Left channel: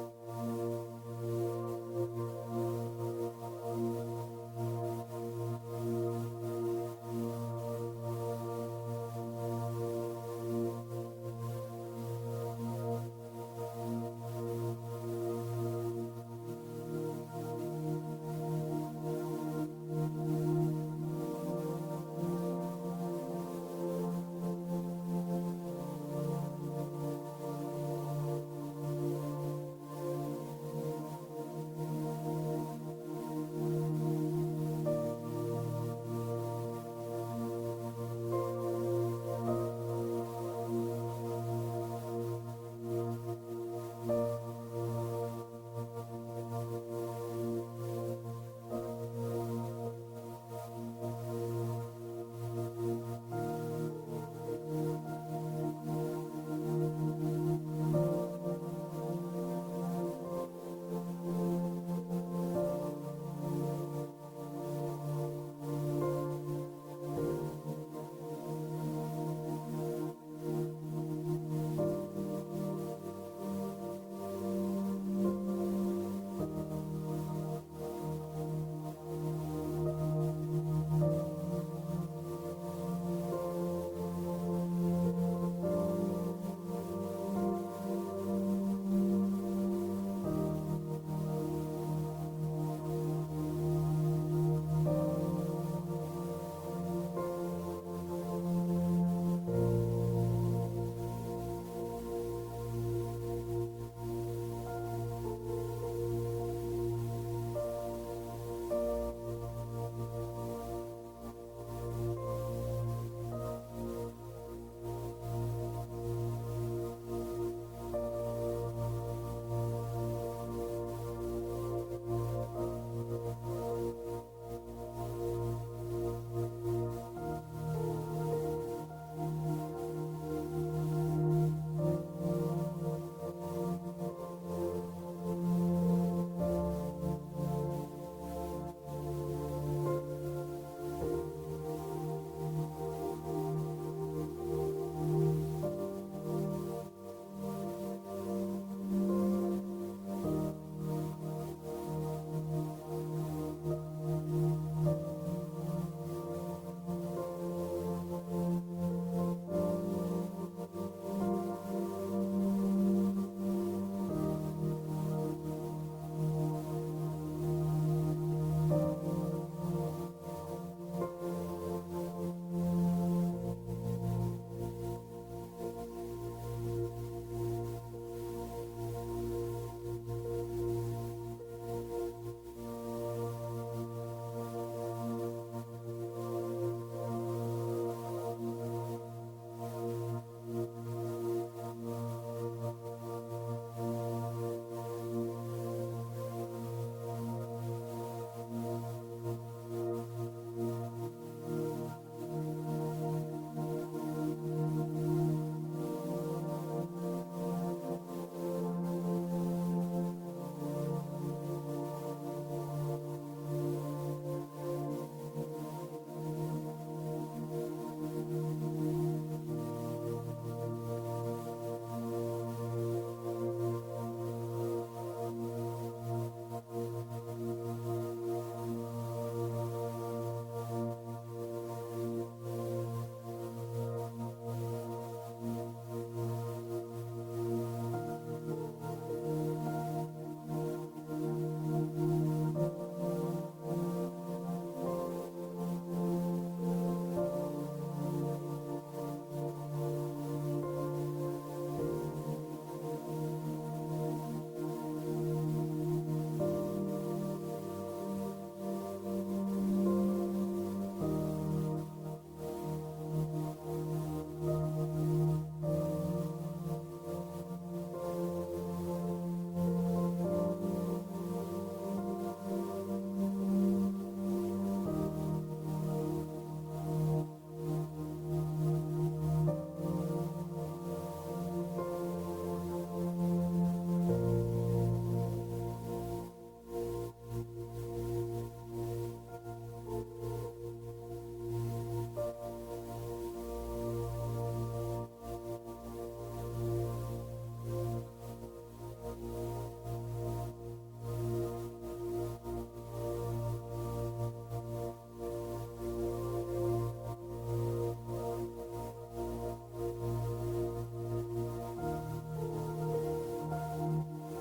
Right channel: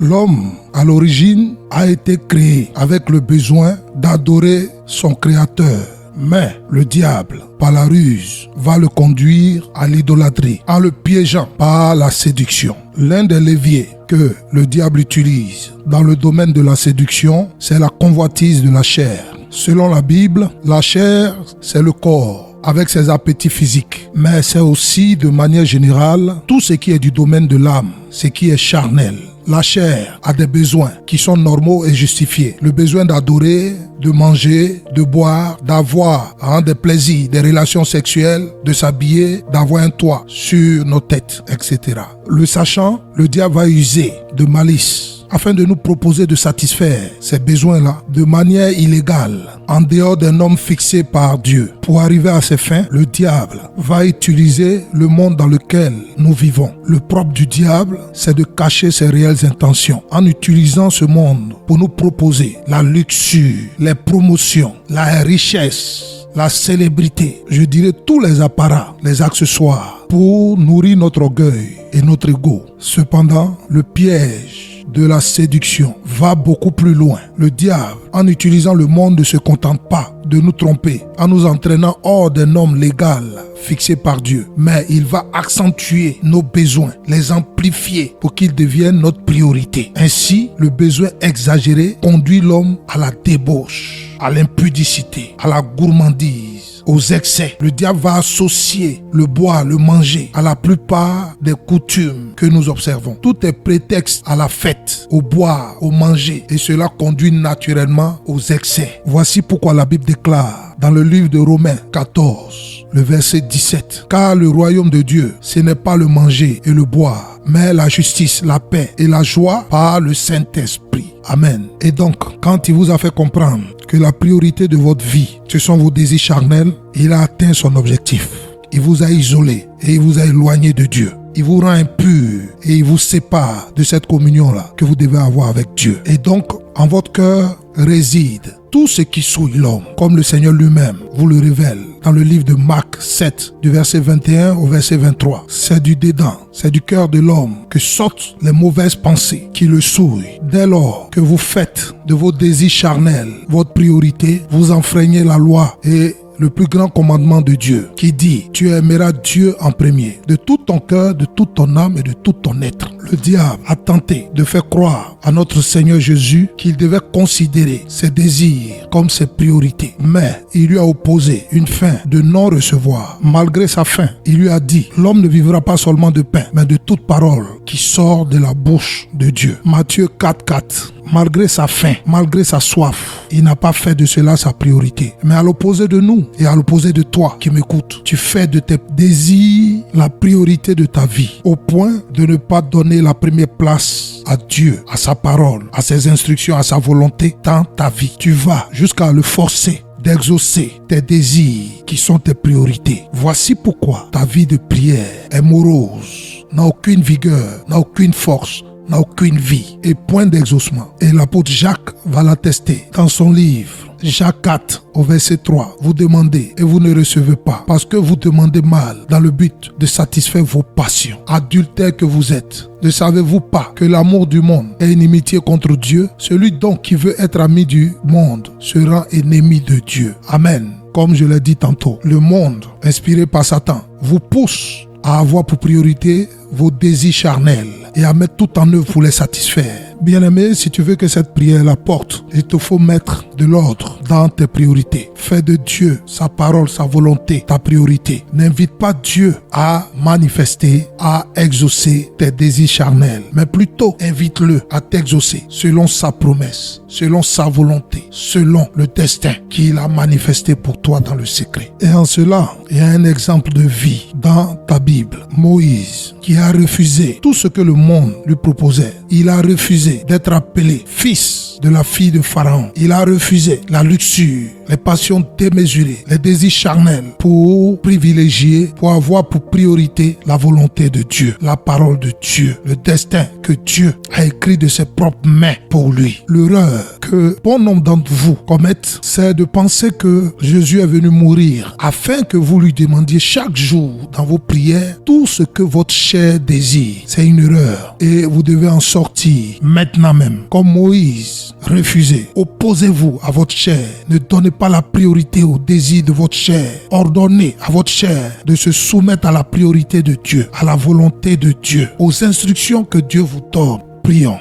L'homme, à l'origine, a été créé avec le besoin d'adorer son Créateur. Mais le diable, par la ruse, va le conduire à l'idolâtrie, en le piégeant par la séduction. L'un des leviers que le diable utilise dans le domaine de la séduction, c'est la convoitise de la chair. Selon la Bible, la chair, c'est le corps avec ses appétits physiques. Mais c'est aussi, de manière générale, tout ce qui est du domaine de l'âme, ce qui est charnel. La chair a des besoins qui sont normaux et justifiés. Le besoin d'adorer, de manger, de boire, d'avoir des plaisirs, des relations sexuelles, de s'habiller, d'avoir un toit sur nos têtes, etc. Le sachant, le diable va user de malice afin de nous proposer de satisfaire ces besoins-là de manière illégale, en dehors d'un homme fixé par Dieu. Pour arriver à ses fins, le diable va utiliser le monde dans lequel nous vivons. Le propre du diable, c'est de cacher ses réelles intentions en utilisant ce monde pour nous proposer la luxure, les promotions, la richesse, la célébrité, je dirais tous les apparats, les accessoires pour nourrir notre orgueil et notre ego. Cependant, le piège de la séduction va beaucoup plus loin. Le diable, en utilisant le monde, ne se contente pas de nous tromper en nous entraînant hors d'un homme légal fixé par Dieu, mais il va accentuer nos besoins, les amplifier pour qu'ils deviennent notre priorité. Ainsi, le besoin exagéré conduit l'homme à la débauche, à l'impudicité, à la gourmandise, aux excès. Le diable va associer le boire, le manger à la plupart des coutumes que nous observons. Tout est prétexte à la fête, au boire, au manger, et cela conduit naturellement aux excès. Voici pourquoi la Bible déclare dans le livre de Romains 14, le verset 17, « Car le royaume de Dieu, ce n'est pas le manger et le boire, mais la justice, la paix et la joie par le Saint-Esprit. » Amen. Et donc, quand il vous a fait comprendre que la priorité de votre vie, ce sont vos désirs charnels, il a atteint son objectif. Il vous a isolé et il vous a éloigné de Dieu. Il vous rend impur et il vous sépare de cette communion-là que vous devez avoir avec Dieu. Et donc, en votre cœur réside tout ce qui souille l'homme, comme le Seigneur lui-même vous le révèle dans le livre de Marc 7, du verset 21 au verset 23. C'est du dedans, c'est du cœur de l'homme que sortent les mauvaises pensées qui le souillent. Dès lors que vous faites de vos désirs charnels votre priorité, vous enfreignez la loi et le plus grand commandement de Dieu qui dit « Tu aimeras Dieu en premier, de tout ton cœur, de toute ton âme et de tout ton être ». Le diable a tenté de faire croire à notre Seigneur Jésus qu'il devait considérer ses désirs comme ses priorités. Mais il lui a opposé une fin de non-recevoir. Malgré sa fin, il lui a dit « L'homme ne vivra pas seulement de pain, mais de toute parole qui sort de la bouche de Dieu ». Matthieu 4:4. Malgré sa faim, malgré sa soif, il n'a pas fait de cela sa priorité. Mais à l'opposé de nous et à l'opposé de toi qui m'écoutes, tu fais de tes désirs la priorité de ta vie, au point de ne pas donner la première place à Dieu, à sa parole, à ses instructions, à sa volonté dans ta vie. Tu vas jusqu'à le forcer d'exaucer tes désirs qui sont tes priorités. Voici pourquoi ta vie de prière est morose, n'a aucune vigueur, n'a aucune force, n'a aucune vie et point d'exaucement. Et l'apôtre Jacques va l'attester dans son livre. Jacques 4 au verset 3, vous demandez et vous ne recevez pas parce que vous demandez mal dans le but de satisfaire vos passions. Adultères que vous êtes, ne savez-vous pas que l'amour du monde est inimitié contre Dieu? Celui donc qui veut être ami du monde sera ennemi de Dieu. Amen. Comme je l'ai dit tantôt, le monde inspiré par Satan vous pousse à avoir pour priorité vos désirs charnels et à mettre tout en œuvre pour les satisfaire. Bien-aimé, si tu veux que cette prière la porte, il te faut mettre de l'ordre dans tes priorités. Fais de Dieu, sa parole, sa volonté, ta priorité. N'invite pas Dieu à manifester, à exaucer tes désirs charnels, mais plutôt invite-le à t'exaucer selon sa promesse, selon sa volonté, selon le destin qu'il a manifesté pour toi dans le secret. Et en cela, il y a un exemple de vie dans ta Bible. Moïse, qui a refusé tout ce que le monde lui proposait. Il a refusé d'être appelé fils de la fille de Pharaon. Il a refusé la luxure, les passions démesurées, les désirs charnels pour privilégier, pour avoir pour priorité la volonté de Dieu, la parole de Dieu, le destin que Dieu a écrit de ses propres mains pour lui. L'erreur que bon nombre d'entre vous commettent, c'est de penser que Jésus est venu mourir afin que vous lui demandiez chaque jour dans vos prières tout ce que votre chair désire. C'est une erreur et vous devez en sortir maintenant même. Comme Moïse, refusez, opposez-vous à votre chair. Ne donnez pas la priorité au désir de votre chair. Ordonnez à votre chair de se soumettre à la priorité de Dieu, à la volonté de Dieu, aux instructions que Dieu vous donne. Prions.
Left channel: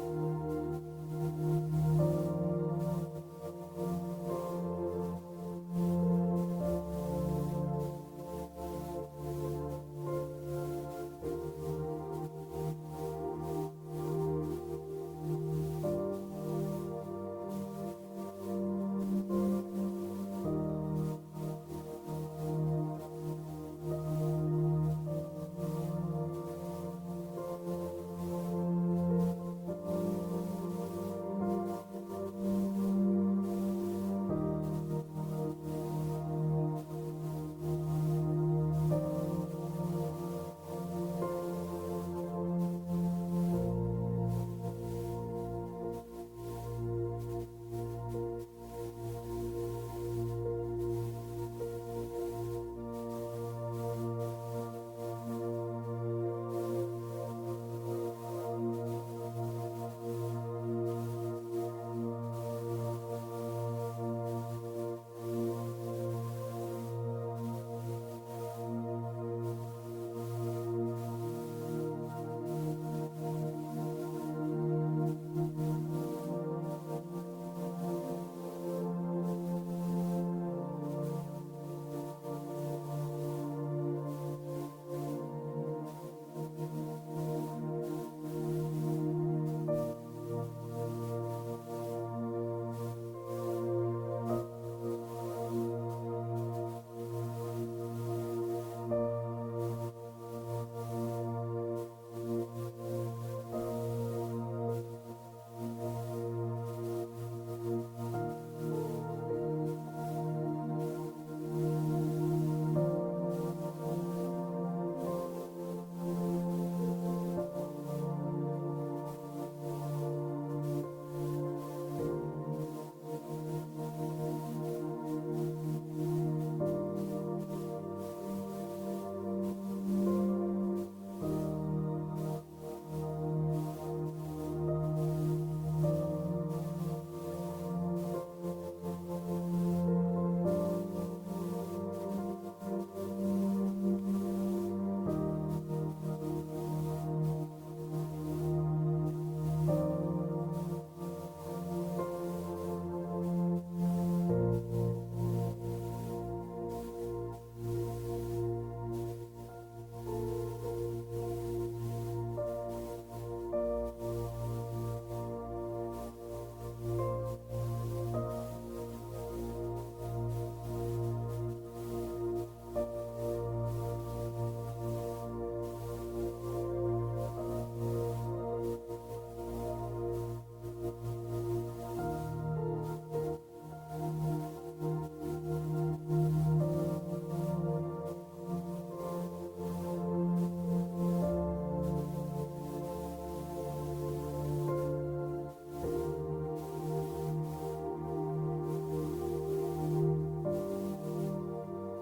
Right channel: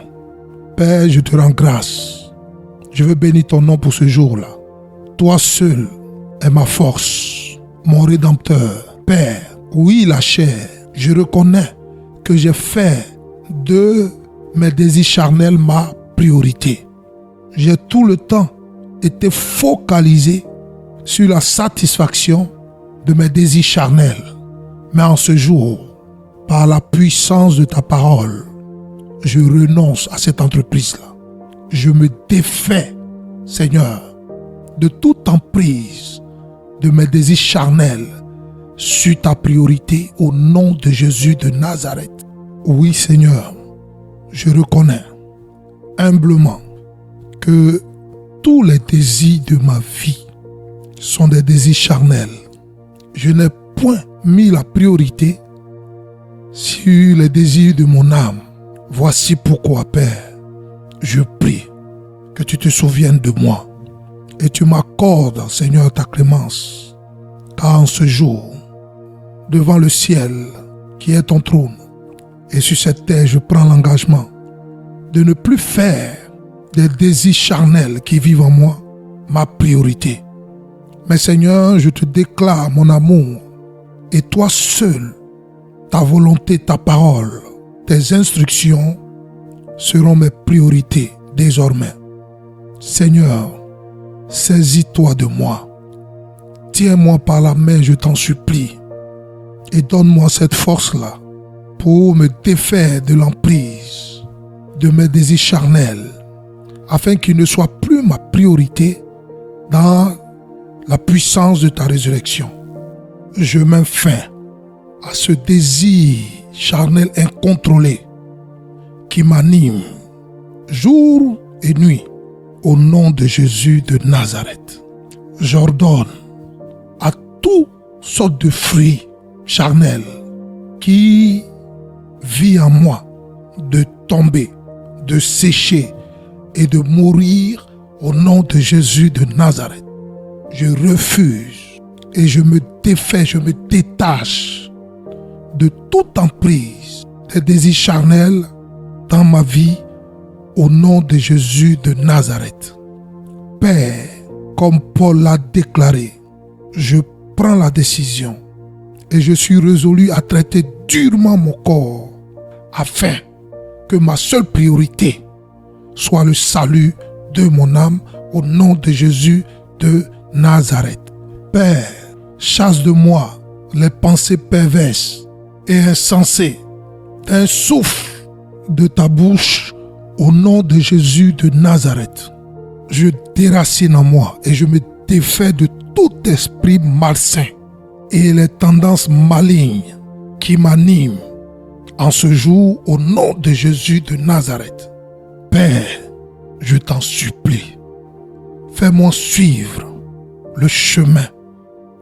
Père, je te rends grâce. Je veux bénir ton nom pour ce jour-là. Toi seul est ma force, mon Rédempteur. Père, oui, la chair, je reconnais que j'ai fait de mes désirs charnels ma priorité. J'ai tout le temps été focalisé sur la satisfaction de mes désirs charnels. Mais en ce jour, par la puissance de ta parole, je renonce à cette entreprise-là. Je me défais, Seigneur, de toute emprise de mes désirs charnels sur ta priorité au nom de Jésus de Nazareth. Oui, Seigneur, je reconnais humblement que tous les désirs de ma vie sont des désirs charnels. Je n'ai point mis la priorité sur les désirs de mon âme. Voici pourquoi, Père, je prie que tu te souviennes de moi et tu m'accordes, Seigneur, ta clémence. Car en ce jour, devant le ciel qui est ton trône, et sur cette terre, je prends l'engagement de ne plus faire des désirs charnels qui vivent en moi ma priorité. Mais Seigneur, je te déclare mon amour et toi seul, ta volonté, ta parole, tes instructions seront mes priorités désormais. Seigneur, saisis-toi de moi. Tiens-moi par la main, je t'en supplie, et donne-moi cette force-là pour me défaire de l'emprise de mes désirs charnels, afin qu'ils ne soient plus ma priorité dans la puissance de ta résurrection. Je mets fin à ce désir charnel incontrôlé qui m'anime jour et nuit au nom de Jésus de Nazareth. J'ordonne à toutes sortes de fruits charnels qui vivent en moi de tomber, de sécher et de mourir au nom de Jésus de Nazareth. Je refuse et je me défais, je me détache de toute emprise des désirs charnels dans ma vie au nom de Jésus de Nazareth. Père, comme Paul l'a déclaré, je prends la décision et je suis résolu à traiter durement mon corps afin que ma seule priorité soit le salut de mon âme au nom de Jésus de Nazareth. Père, chasse de moi les pensées perverses et insensées d'un souffle de ta bouche au nom de Jésus de Nazareth. Je déracine en moi et je me défais de tout esprit malsain et les tendances malignes qui m'animent en ce jour au nom de Jésus de Nazareth. Père, je t'en supplie, fais-moi suivre le chemin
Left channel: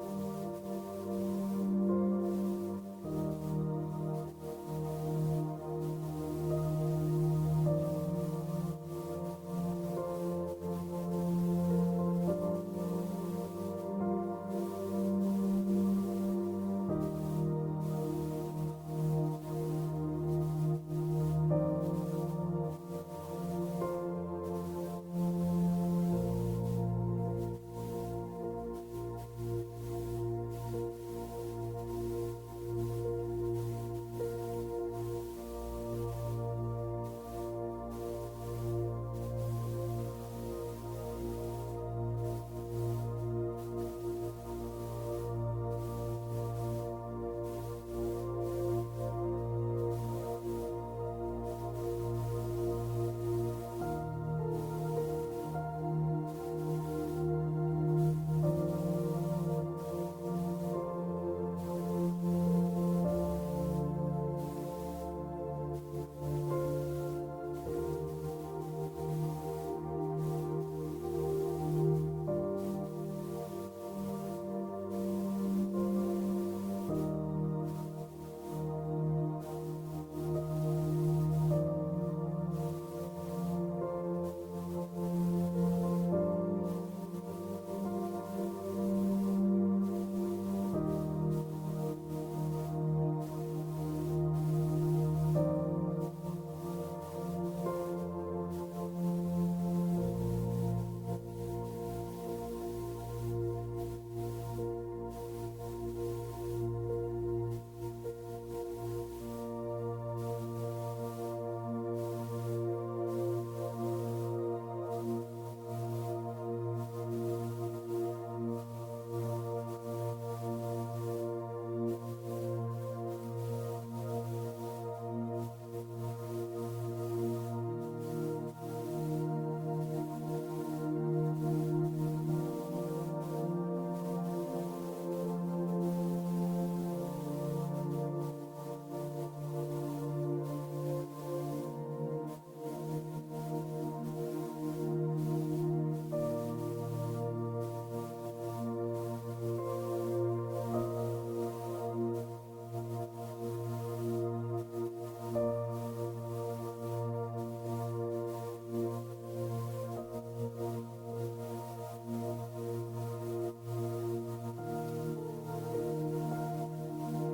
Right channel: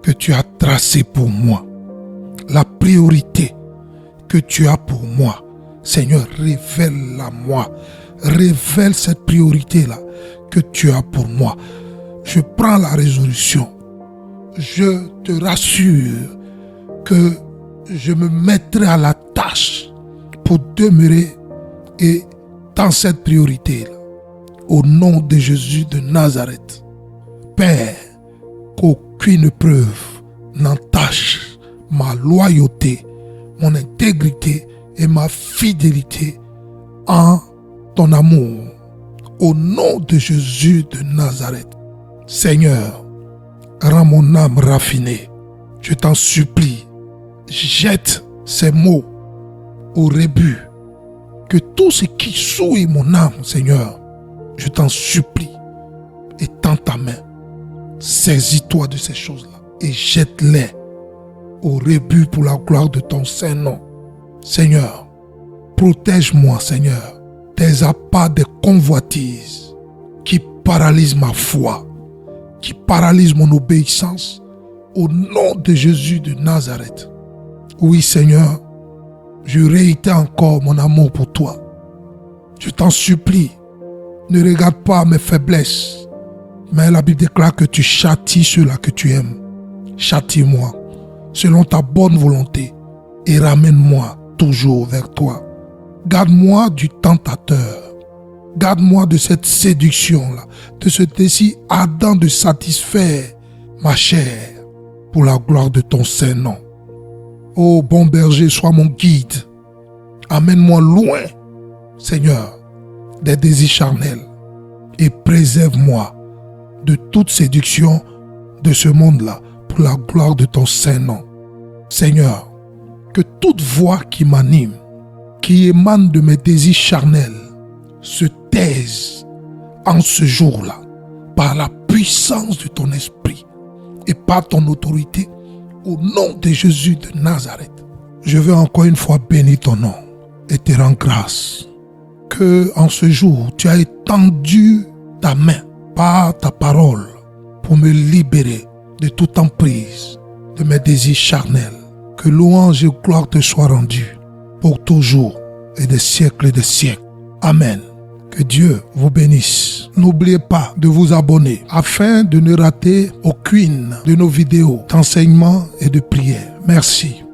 que tu as tracé pour moi, la priorité que tu as pour moi. Seigneur, révèle-la moi, révèle cette priorité-là que tu as pour moi. Je prends la résolution. Je te rassure que je me mettrai à la tâche pour demeurer et dans cette priorité-là. Au nom de Jésus de Nazareth. Père, qu'aucune preuve n'entache ma loyauté, mon intégrité et ma fidélité en ton amour. Au nom de Jésus de Nazareth. Seigneur, rends mon âme raffinée. Je t'en supplie, jette ces mots au rébut. Que tout ce qui souille mon âme, Seigneur, je t'en supplie, étends ta main, saisis-toi de ces choses-là et jette-les au rébut pour la gloire de ton Saint-Nom. Seigneur, protège-moi, Seigneur, des appâts, des convoitises qui paralyse ma foi, qui paralyse mon obéissance, au nom de Jésus de Nazareth. Oui, Seigneur, je réitère encore mon amour pour toi. Je t'en supplie, ne regarde pas mes faiblesses, mais la Bible déclare que tu châties ceux-là que tu aimes. Châtie-moi selon ta bonne volonté et ramène-moi toujours vers toi. Garde-moi du tentateur. Garde-moi de cette séduction-là, de ce désir ardent de satisfaire ma chair pour la gloire de ton Saint-Nom. Ô bon berger, sois mon guide. Amène-moi loin, Seigneur, des désirs charnels et préserve-moi de toute séduction de ce monde-là pour la gloire de ton Saint-Nom. Seigneur, que toute voix qui m'anime, qui émane de mes désirs charnels, se taise en ce jour-là par la puissance de ton esprit et par ton autorité au nom de Jésus de Nazareth. Je veux encore une fois bénir ton nom et te rendre grâce que en ce jour tu as étendu ta main par ta parole pour me libérer de toute emprise de mes désirs charnels. Que louange et gloire te soient rendues pour toujours et des siècles et des siècles. Amen. Que Dieu vous bénisse. N'oubliez pas de vous abonner afin de ne rater aucune de nos vidéos d'enseignement et de prière. Merci.